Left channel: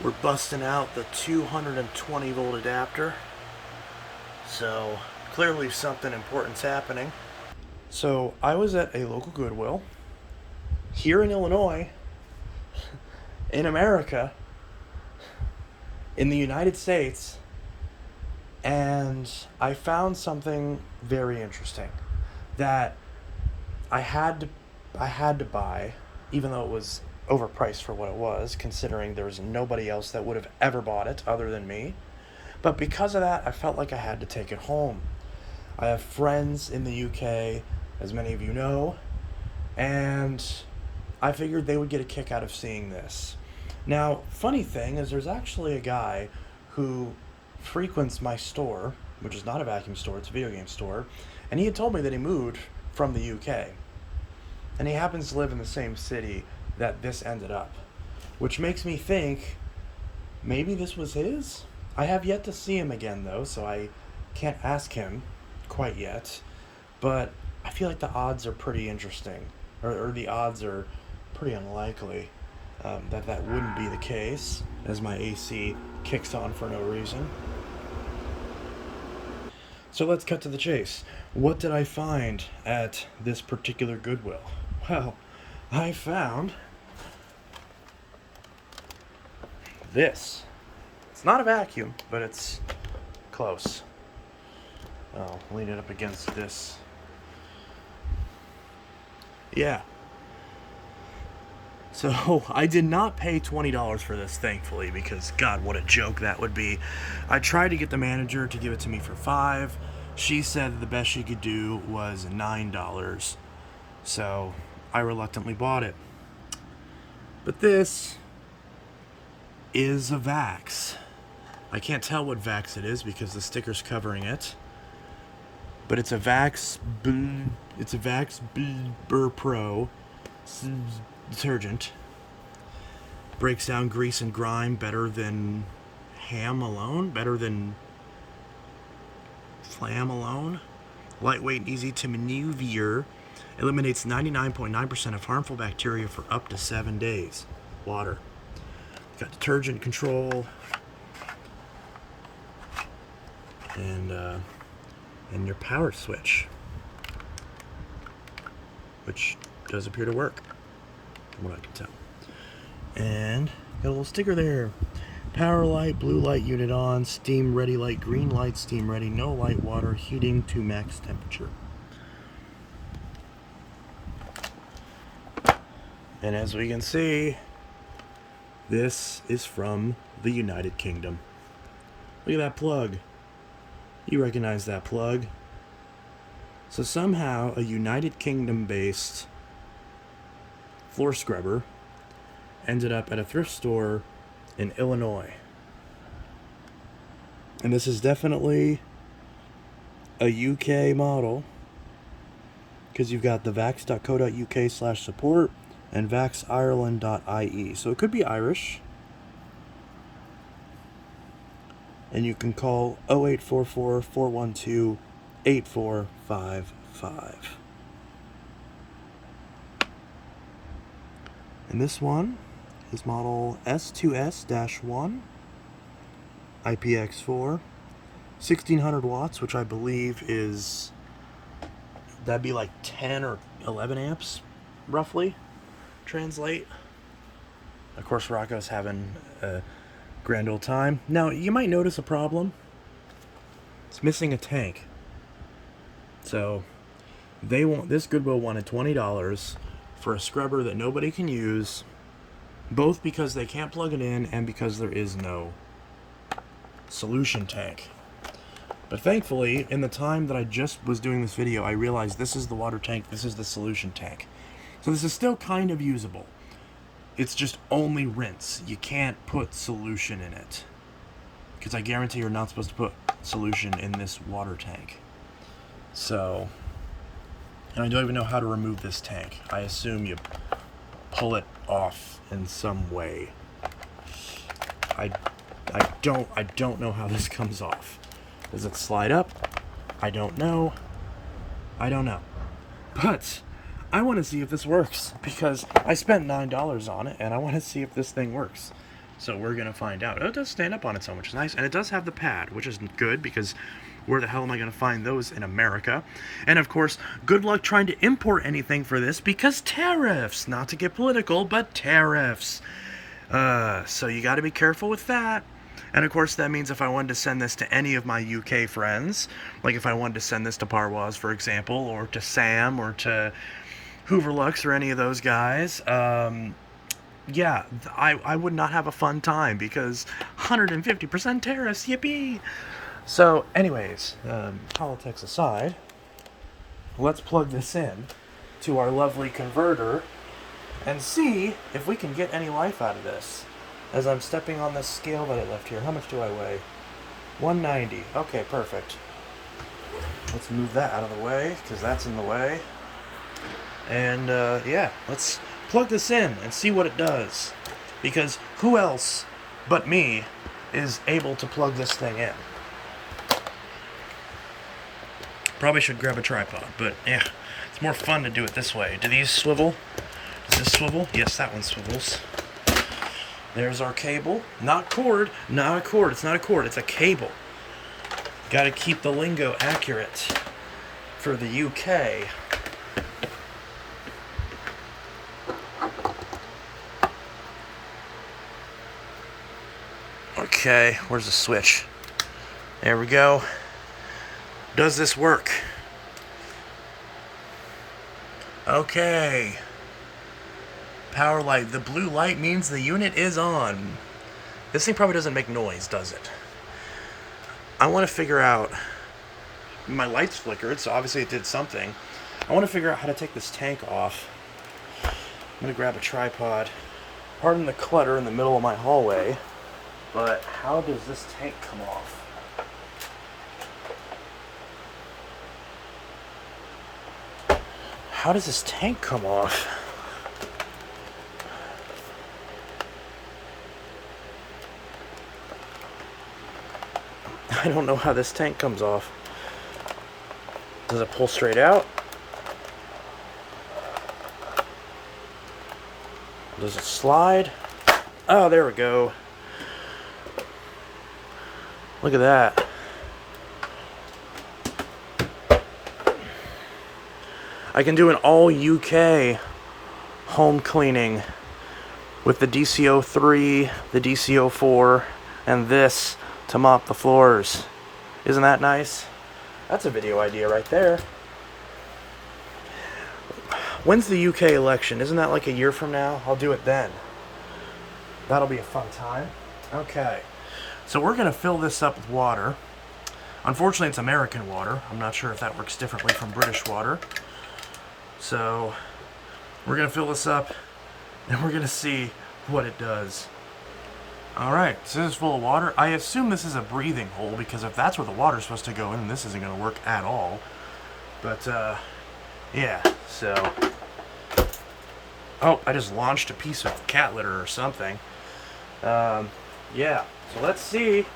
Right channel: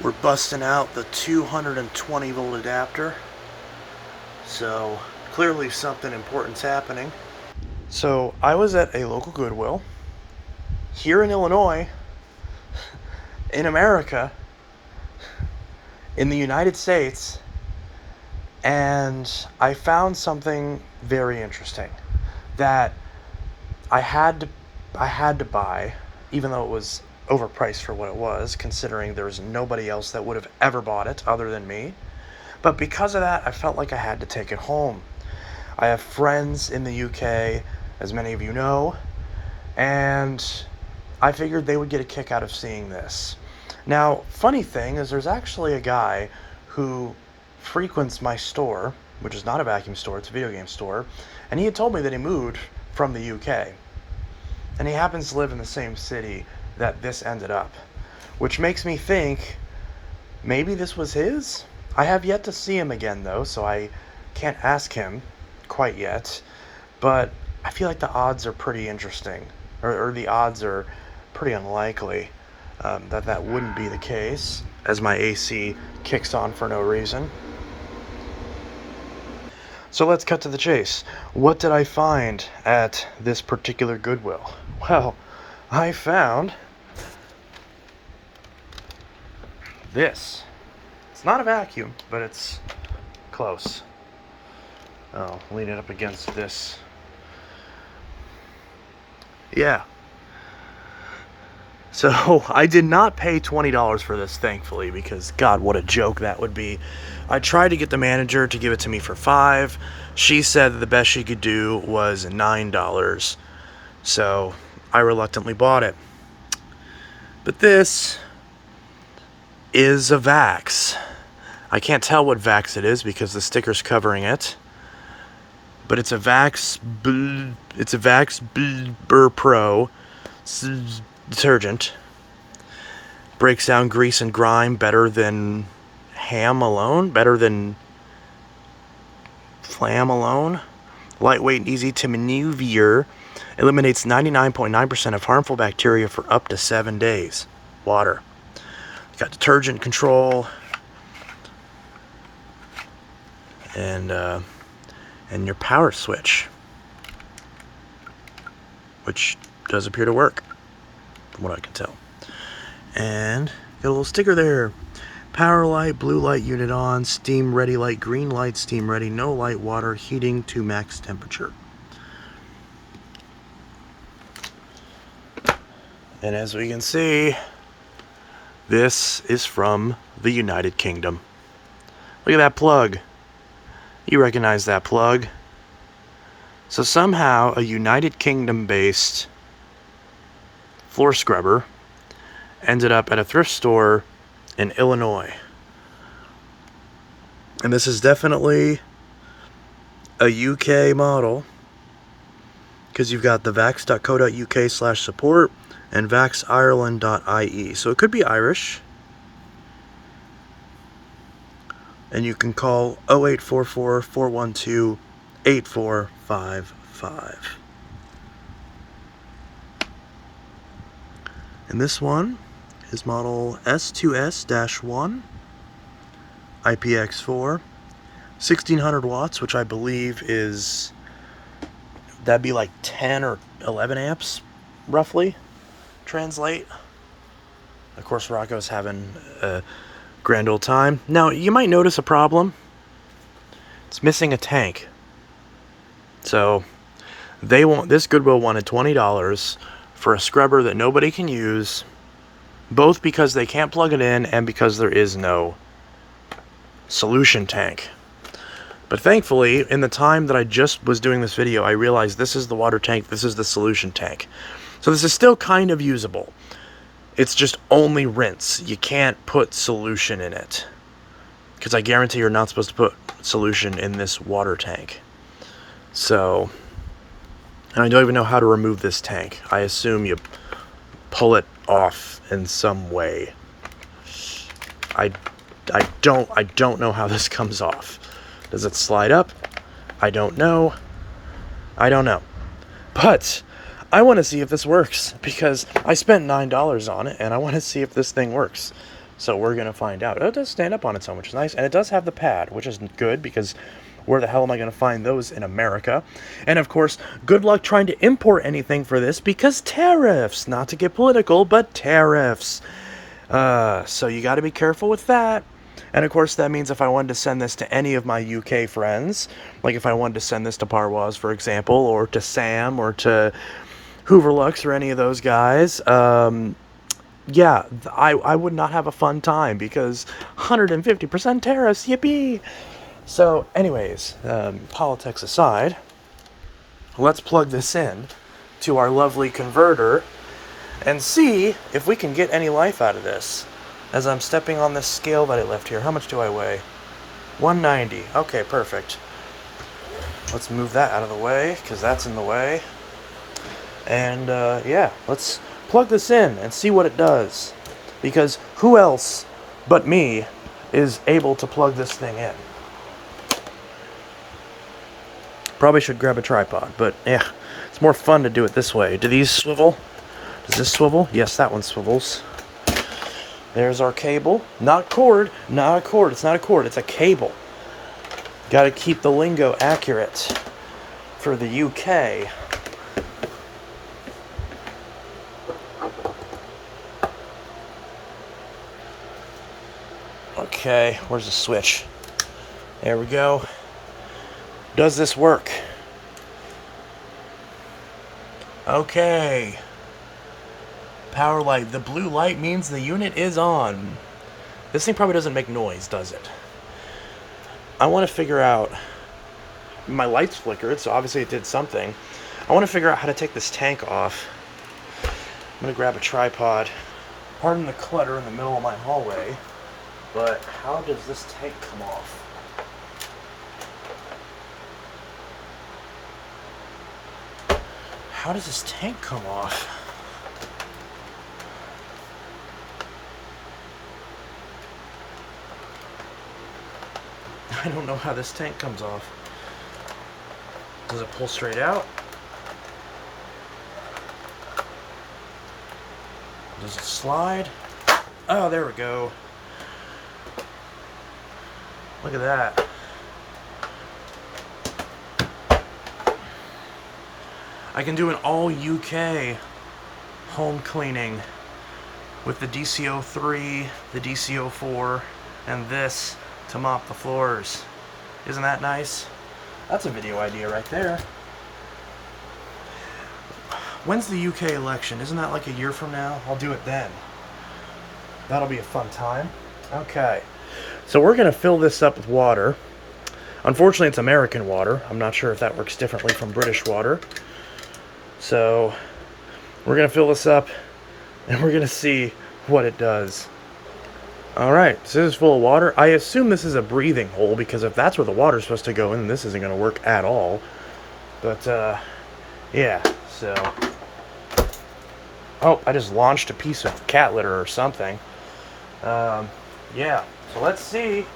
We're busting out the 220 volt adapter. So clearly something important's happening. So I was at a local Goodwill here in Illinois, in America, in the United States, and I found something very interesting that I had to buy, even though it was overpriced for what it was, considering there was nobody else that would have ever bought it other than me. But because of that, I felt like I had to take it home. I have friends in the UK, as many of you know, and I figured they would get a kick out of seeing this. Now, funny thing is there's actually a guy who frequents my store, which is not a vacuum store, it's a video game store, and he had told me that he moved from the UK. And he happens to live in the same city that this ended up, which makes me think maybe this was his? I have yet to see him again, though, so I can't ask him quite yet, but I feel like the odds are pretty interesting, or the odds are pretty unlikely that wouldn't be the case, as my AC kicks on for no reason. So let's cut to the chase. What did I find at this particular Goodwill? Well, I found this. It's not a vacuum, but it's close. I'll lean it up against this. Yeah. So I did not pay $20 for this, thankfully, because God, what a joke that would be. I tried to get the manager to give it to me for $5. She said that the best she could do was $9. So I reluctantly bought it. But this is a Vax. I can't tell what Vax it is because the sticker's covering it. But it's a Vax Burr Pro detergent. Breaks down grease and grime better than ham alone, better than flam alone. Lightweight and easy to maneuver. Eliminates 99.9% of harmful bacteria for up to 7 days. Water. Got detergent control. And your power switch, which does appear to work, from what I can tell. And got a little sticker there. Power light, blue light unit on, steam ready light, green light, steam ready, no light, water, heating to max temperature. And as we can see, this is from the United Kingdom. Look at that plug. You recognize that plug. So somehow a United Kingdom-based floor scrubber ended up at a thrift store in Illinois. And this is definitely a UK model, because you've got the vax.co.uk/support and vaxireland.ie. So it could be Irish. And you can call 0844-412-8455. And this one is model S2S-1, IPX4, 1600 watts, which I believe is, that'd be like 10 or 11 amps, roughly, translate. Of course, Rocco's having a grand old time. Now, you might notice a problem. It's missing a tank. So, this Goodwill wanted $20 for a scrubber that nobody can use, both because they can't plug it in and because there is no solution tank. But thankfully, in the time that I just was doing this video, I realized this is the water tank, this is the solution tank. So this is still kind of usable. It's just only rinse. You can't put solution in it, because I guarantee you're not supposed to put solution in this water tank. So, and I don't even know how to remove this tank. I assume you pull it off in some way. I don't know how this comes off. Does it slide up? I don't know. But I want to see if this works, because I spent $9 on it, and I want to see if this thing works. So we're going to find out. Oh, it does stand up on its own, which is nice. And it does have the pad, which is good because where the hell am I going to find those in America? And of course, good luck trying to import anything for this because tariffs. Not to get political, but tariffs. So you got to be careful with that. And of course, that means if I wanted to send this to any of my UK friends, like if I wanted to send this to Parwaz, for example, or to Sam, or to Hooverlux, or any of those guys, yeah, I would not have a fun time because 150% tariffs, yippee! So, anyways, politics aside, let's plug this in to our lovely converter and see if we can get any life out of this. As I'm stepping on this scale that I left here, how much do I weigh? 190. Okay, perfect. Let's move that out of the way because that's in the way. And yeah, let's plug this in and see what it does. Because who else but me is able to plug this thing in? Probably should grab a tripod, but yeah, it's more fun to do it this way. Do these swivel? Does this swivel? Yes, that one swivels. There's our cable. Not cord. Not a cord. It's not a cord. It's a cable. Got to keep the lingo accurate for the UK. Okay, where's the switch? There we go. Does this work? Okay. Power light. The blue light means the unit is on. This thing probably doesn't make noise, does it? I want to figure out... My lights flickered, so obviously it did something. I want to figure out how to take this tank off. I'm going to grab a tripod. Pardon the clutter in the middle of my hallway, but how does this tank come off? How does this tank come off? I don't know how this tank comes off. Does it pull straight out? Does it slide? Oh, there we go. Look at that. I can do an all UK home cleaning with the DC03, the DC04, and this to mop the floors. Isn't that nice? That's a video idea right there. When's the UK election? Isn't that like a year from now? I'll do it then. That'll be a fun time. Okay. So we're going to fill this up with water. Unfortunately, it's American water. I'm not sure if that works differently from British water. So we're going to fill this up and we're going to see what it does. Alright, so this is full of water. I assume this is a breathing hole because if that's where the water's supposed to go in, this isn't going to work at all. But, yeah, so... Oh, I just launched a piece of cat litter or something. Yeah, so let's see.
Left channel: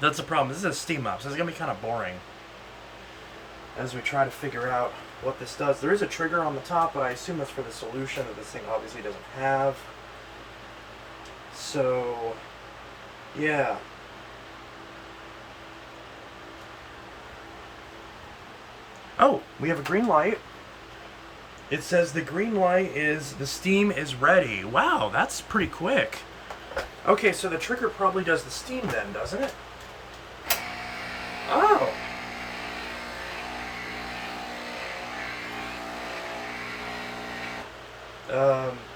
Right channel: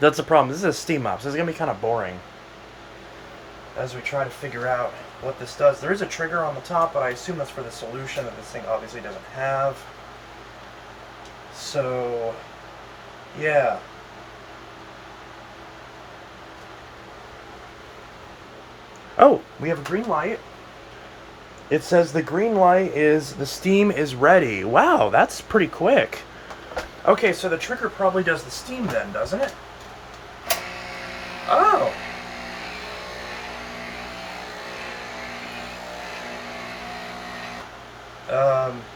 That's the problem. This is a steam mop, so it's going to be kind of boring as we try to figure out what this does. There is a trigger on the top, but I assume that's for the solution that this thing obviously doesn't have. So, yeah. Oh, we have a green light. It says the green light is, the steam is ready. Wow, that's pretty quick. Okay, so the trigger probably does the steam then, doesn't it? Oh.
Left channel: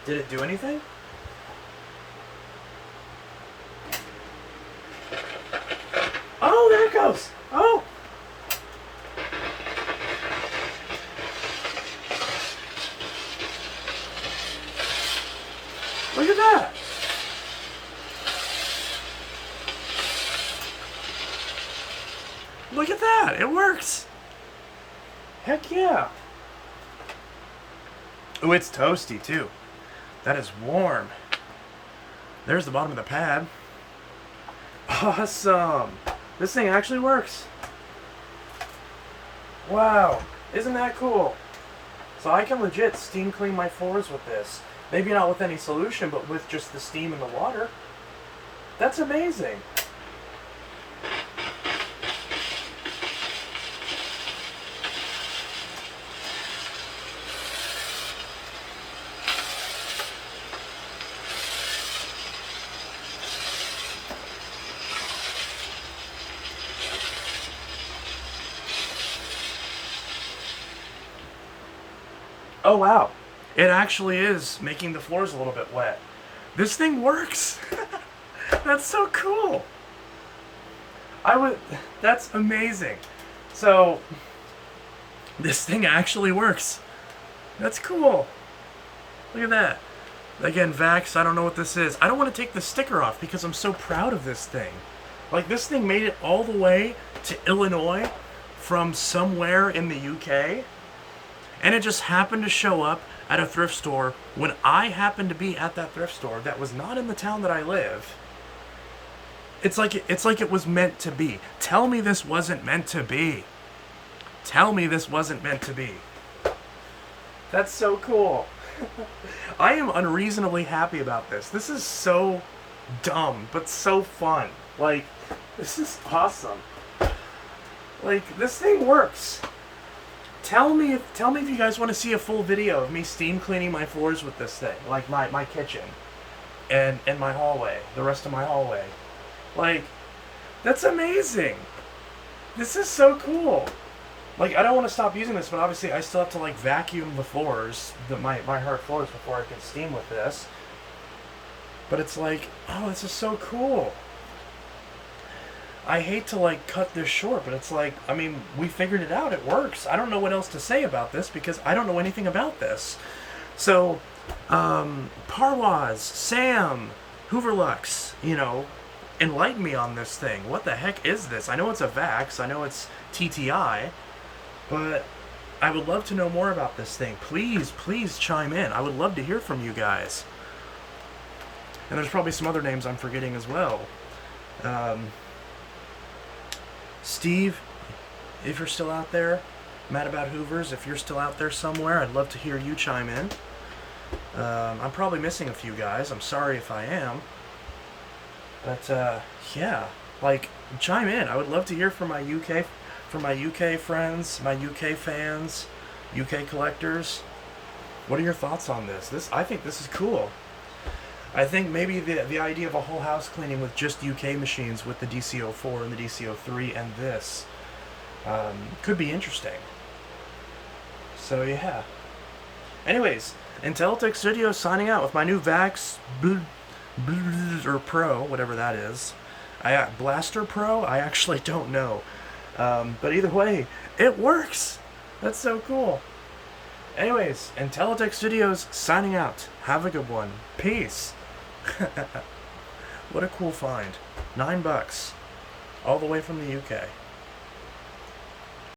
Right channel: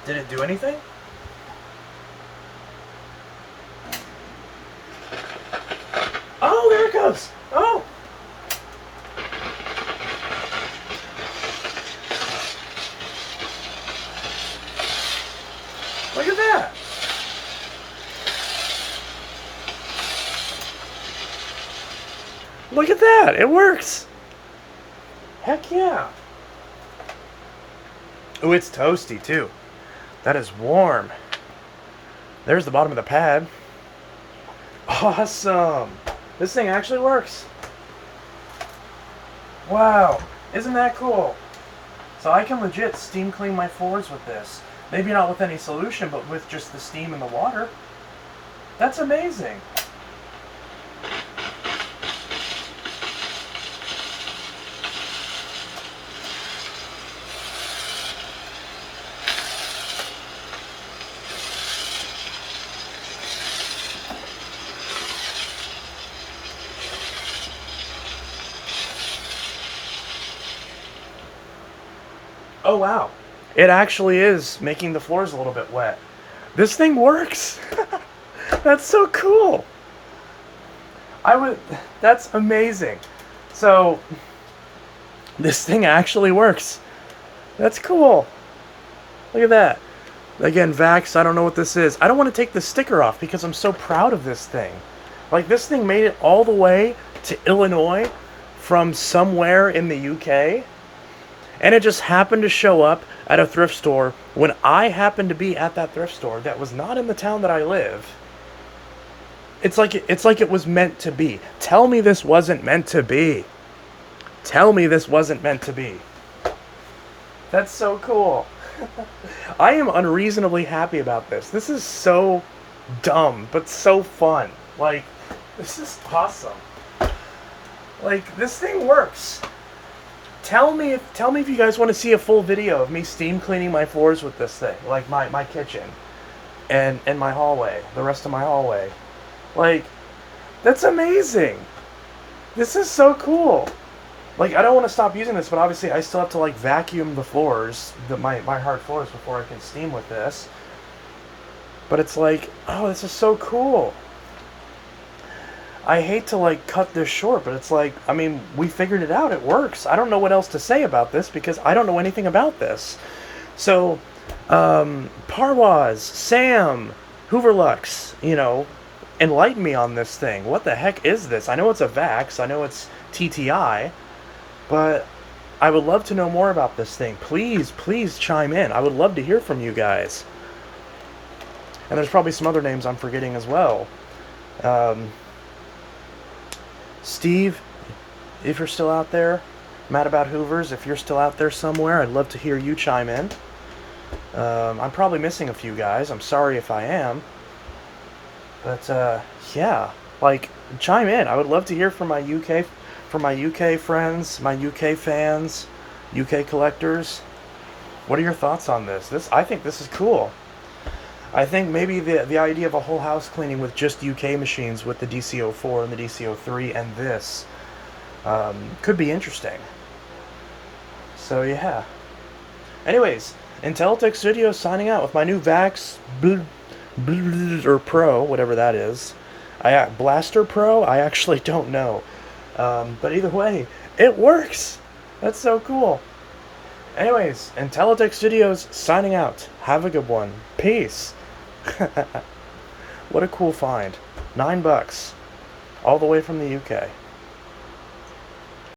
Did it do anything? Oh, there it goes. Oh. Look at that. Look at that. It works. Heck yeah. Oh, it's toasty too. That is warm. There's the bottom of the pad. Awesome. This thing actually works. Wow. Isn't that cool? So I can legit steam clean my floors with this. Maybe not with any solution, but with just the steam and the water. That's amazing. Oh wow, it actually is making the floors a little bit wet. This thing works. That's so cool. That's amazing. So, this thing actually works. That's cool. Look at that. Again, Vax, I don't know what this is. I don't want to take the sticker off because I'm so proud of this thing. Like, this thing made it all the way to Illinois from somewhere in the UK. And it just happened to show up at a thrift store when I happened to be at that thrift store that was not in the town that I live. It's like it was meant to be. Tell me this wasn't meant to be. Tell me this wasn't meant to be. That's so cool. I am unreasonably happy about this. This is so dumb, but so fun. Like, this is awesome. Like, this thing works. Tell me if you guys want to see a full video of me steam cleaning my floors with this thing, like my kitchen and my hallway, the rest of my hallway. Like, that's amazing. This is so cool. Like, I don't want to stop using this, but obviously I still have to like vacuum the floors, my hard floors, before I can steam with this. But it's like, oh, this is so cool. I hate to like cut this short, but it's like, I mean, we figured it out. It works. I don't know what else to say about this because I don't know anything about this. So, Parwaz, Sam, Hooverlux, enlighten me on this thing. What the heck is this? I know it's a Vax. I know it's TTI, but I would love to know more about this thing. Please chime in. I would love to hear from you guys. And there's probably some other names I'm forgetting as well. Steve, if you're still out there, Mad About Hoovers, if you're still out there somewhere, I'd love to hear you chime in. I'm probably missing a few guys. I'm sorry if I am. But, yeah, like, chime in. I would love to hear from my UK friends, my UK fans, UK collectors. What are your thoughts on this? I think this is cool. I think maybe the idea of a whole house cleaning with just UK machines with the DC-04 and the DC-03 and this could be interesting. So yeah. Anyways, Intellitech Studios signing out with my new Vax or Pro, whatever that is. Blaster Pro? I actually don't know. But either way, it works! That's so cool. Anyways, Intellitech Studios signing out. Have a good one. Peace. What a cool find. $9. All the way from the UK.